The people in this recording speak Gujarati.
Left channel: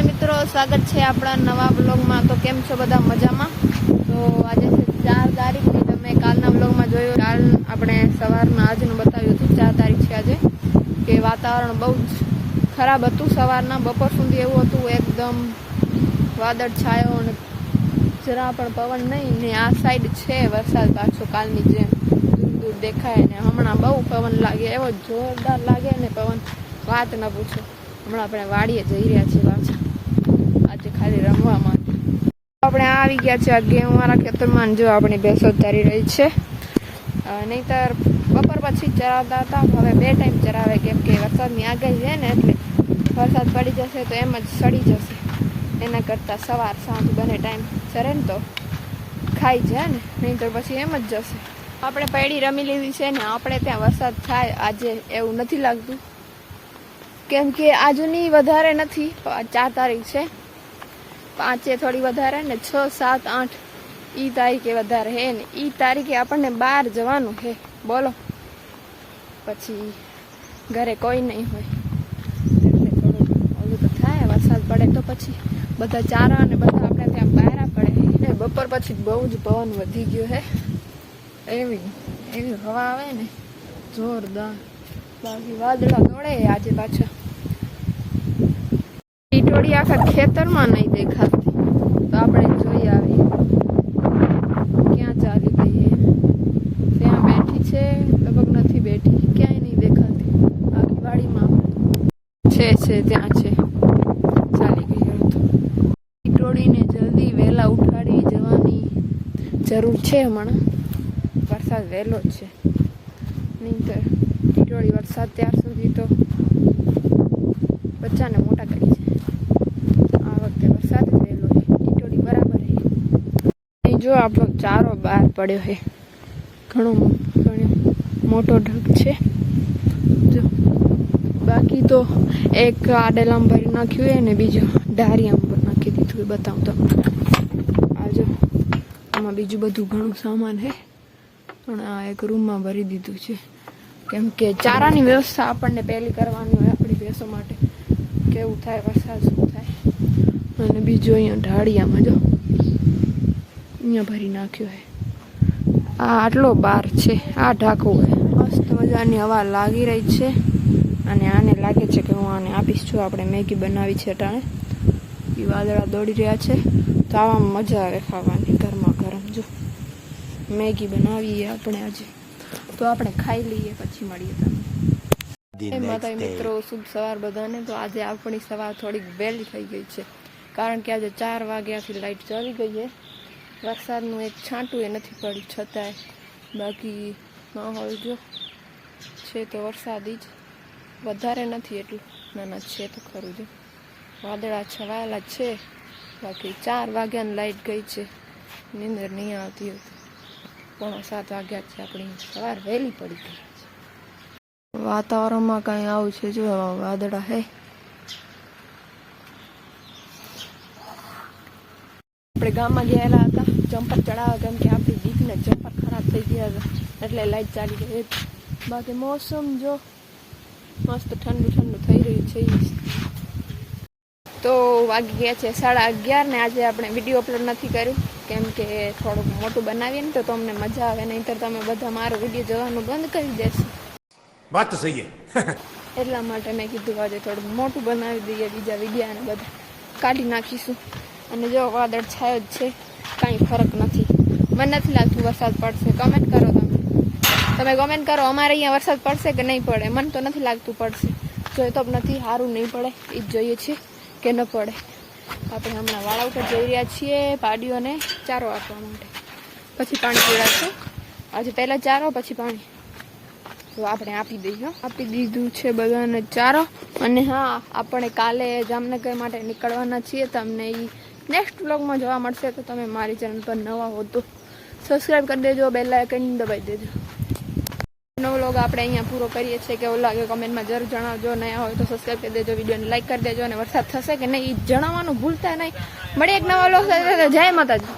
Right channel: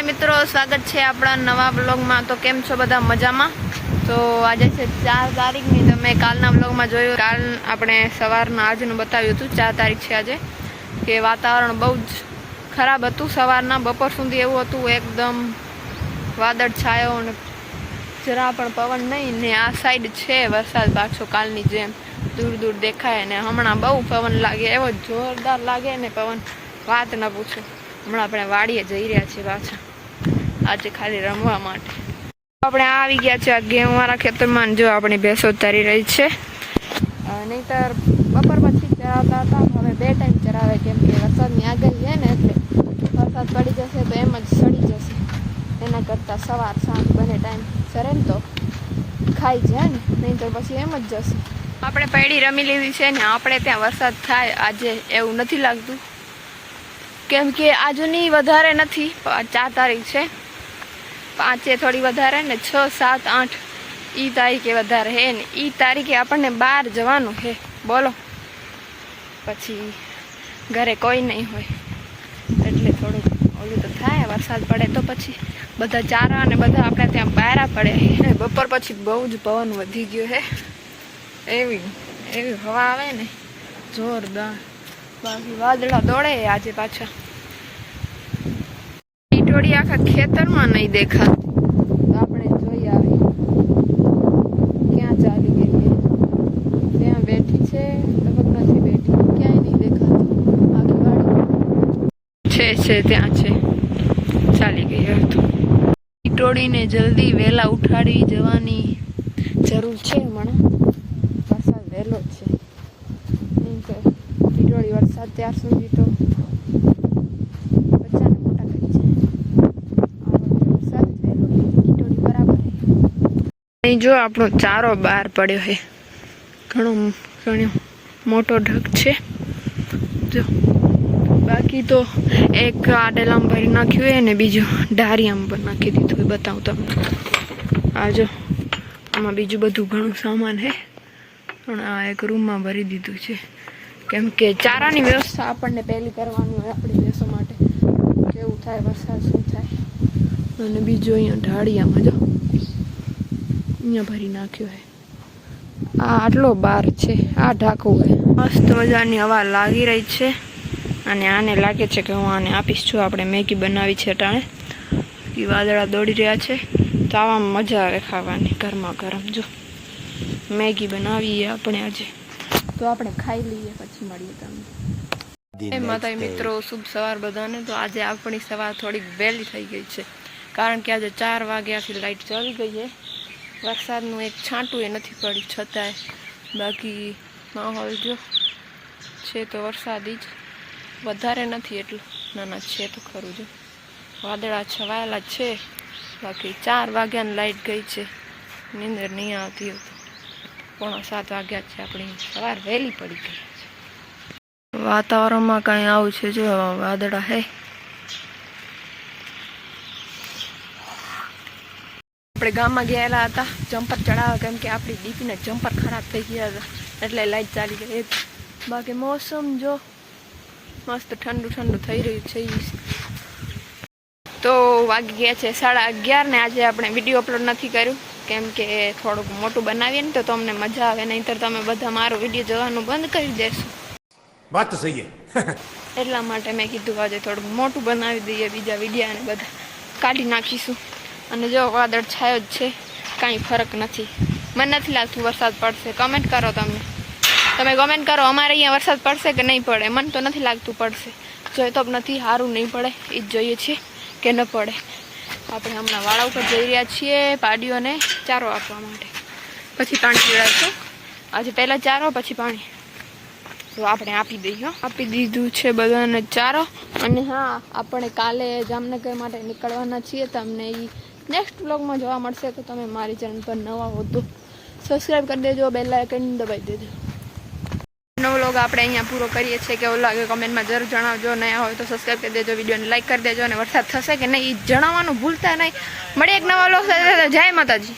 માતાજી મિત્રો, સ્વાગત છે આપણા નવા બ્લોગમાં તો કેમ છો બધા મજામાં? તો આજે છે ચાર તારીખની. તમે કાલના બ્લોગમાં જોયું. કાલ આપણે સવારના આજનું બતાવ્યું હતું. ચાર તારીખ છે આજે. કે વાતાવરણ બહુ જ ખરાબ હતું સવારના. બપોર સુધી એવું હતું. એકદમ વાદળ છાયો અને જરા પણ પવન નહીં. ને આ સાઈડ છે વરસાદ પાછો કાલની જેમ. દૂર દૂર દેખાય ને હમણાં બહુ પવન લાગે. એવો જોરદાર લાગે ને પવન. વાત ન પૂછો. હમણાં આપણે વાડીએ જઈ રહ્યા છીએ પાછા. આજે ખાલી રમવા માટે. આપણે આવી ગયા છે આ ઘેવાળા ખેતરમાં જો આપણી ભેંસો ચરી રહી છે. નહીતર બપોર પછી ચરાવતા હતા હવે બે ટાઈમ ચરાવે કેમ કે વરસાદની આગાહી છે ને એટલે વરસાદ પડી જશે તો એમ જ સડી જશે. એના કરતાં સવાર સાંજ બંને ટાઈમ ચરે ને તો ખાઈ જાય ને, નહીંતર પછી એમ જ જશે. આપણે પૈડી રમી લીધી છે ને, આપણે ત્યાં વરસાદ થાય આજે એવું નથી લાગતું. કેમ કે આજની વધારે નથી ચાર તારીખ છે. પાંચે થોડી વધારે ને છ, સાત, આઠ. ઈ તારીખે વધારે હે ને ઈ તારીખે આપણને બહાર જવાનું હે. બોલો. પછી ઘરે કોઈ નહીં હોય. એટલે થોડું ઓલું તો થાય, વરસાદ પડે તો પછી બધા ચારા અને બધા આપણે ત્યાં બહાર પડે ને બપોર પછી બહુ જ પવન વધી ગયો હે. એવી એવી હવા આવે ને. જોરદાર. બાકી વાદળા દોડે આજે પાછા. ટીટોડી આખા ખેતરમાં નહીં દેખાતી. તો આપણે જોઈ આવી ક્યાં ચાલી ગઈ ત્યાં બેઠી છે, લગભગ નથી બેઠી. ક્યાંય નહીં દેખાતી. આખી વાડીમાં છે છે, ત્યાં છે. ચાલી ગઈ હવે તો. ટીટોડીને જલ્દી વહેલા ઉઠાડી જવાની જરૂર છે હમણાં. વરસાદ વહેલો જ છે. નહીં તો ટીટોળી વરસાદ ત્યાર સુધી તો બચ્ચાને મોટા કરી છે આ વખતે વરસાદ જ વહેલો છે ટીટોળી બરાબર છે અહીં જો આપણો ચારો બહાર પડ્યો છે. ઘણો ઘણો મોટો ઢગ છે. જો, બાકી તો એક આડેલામ ભરી નાખ્યું હોય ને બીજું ઢારિયામ પર નાખી દીધું એ બતાવું તમને. આ જો, આમાં બીજું બધું ઘણું સામાન છે. પણ આ એક રૂમમાં ભરી દીધું છે. કેમ કે ચારાની વ્યવસ્થા આપણને પહેલી કરવાની હોય આપણી ભેંસો માટે. કેવું થાય, વરસાદ શું થાય? અને બીજું અહીંયા ઢાળિયામાં જો અહીંયા ભરી નાખ્યો છે આ આટલો બાર છે આ ઢાકો હોય મસ્ત મજાની હવા લાગી રહી છે અને આને લાગે છે કે હું આને આપીશ છું. આપણે મેગી બનાવી છે અટાણે. કે વાદળા દોડી રહ્યા છે. તો આવામાં મજા આવે ખાવાની ગરમા ગરમ. જો મેગી બનાવીએ આપણે આજે. તો આપણે ખાઈ લઈએ પછી મળીએ તમને. The એ માતા મિત્રો શુભ સવાર બધાને. તો આજે આપણી સવાર થોડીક વહેલી થઈ ગઈ છે. કારણ કે આજે ચાર વાગ્યાથી લાઇટ ચાલી ગઈ છે વરસાદનું એક છાંટું એ નથી પડ્યું છતાંય. બાકી માહોલ જો છે તો વરસાદી જ. વધારે નથી એટલું. નાના છે તો ખરું જો. વાદળા છવાયેલા છે. બાકી ચાર વાગ્યાની લાઈટ ગઈ છે. નીંદર નહીં આવતી હતી પોણા સાત વાગ્યા છે આપણી. સવાર વહેલી પડી ગઈ વાતાવરણમાં કાંઈ આવું છે જો, વાદળા હે. આપણે ગામમાં ગયેલા હતા. જમ્પર ચડાવવા કેમ કે આપણી દીપીના જમ્પર ખરાબ થઈ ગયા હતા. એટલે લાઈટ ચાલી ગઈ હતી. બાકી મોસમ જો મસ્ત ઠંડુ ઠંડુ થઈ રહ્યું છે તો વાગી ગયા છે સાડા અગિયાર ને આજે આપણે વીડિયો અપલોડ નથી કર્યું. કેમ કે થોડુંક મોટું બનાવીએ ને તો તમને મજા આવે. નહીંતર તમે બધા મારો વીડિયો જોવાનું બંધ કરી દેશો. વાત તો સહી એટલા માટે મેં કીધું આજે થોડુંક મોટું બનાવી દઈએ બીજા વિડીયા ને બધા. કાઢી નાખીશું. અને જો વાદળ છાયો જ છે, કાંઈ ફરક નથી. મને નથી લાગતું વરસાદ પડશે. કમેન્ટ કરો તમે. તમે કમેન્ટ કરો અમારે અહીંયા વરસાદ પડશે કે નહીં પડે? મને તો નથી લાગતું પડશે. જોઈએ તો નથી સારું નહીં પડે. એ જ જોઈએ છીએ કે ન પડે. આપણે હમણાં વાળા ઉપર જઈ રહ્યા છીએ પાડીઓને ચારો આપવા માટે. પછી પાણી પીવડાવશું આજે પહેલાં ચારો, પછી પાણી. તો આપણે આપી દઈએ. આપી દીધું છે બધાને ચારો. અને હા, આપણે કાલે જામનગર માટે નીકળવાના છીએ. તમને એ નેક્સ્ટ બ્લોગમાં જોવા મળશે તો તમે મારી ચેનલ પર નવા હો તો સબસ્ક્રાઈબ કરી દેજો બેલ આઇકન દબાવી દેજો. નવો વ્લોગ આપણે અહીંયા પૂરો કરીએ છીએ કેવું લાગે કમેન્ટમાં જરૂર જણાવજો, નયા હોય તો સબસ્ક્રાઈબ કરી દેજો વિડીયોને લાઈક કરી દેજો અને વરસાદ થશે કે નહીં એ જણાવવાનું ભૂલતા નહીં. મળીએ એક નવા વ્લોગ સાથે, જય માતાજી.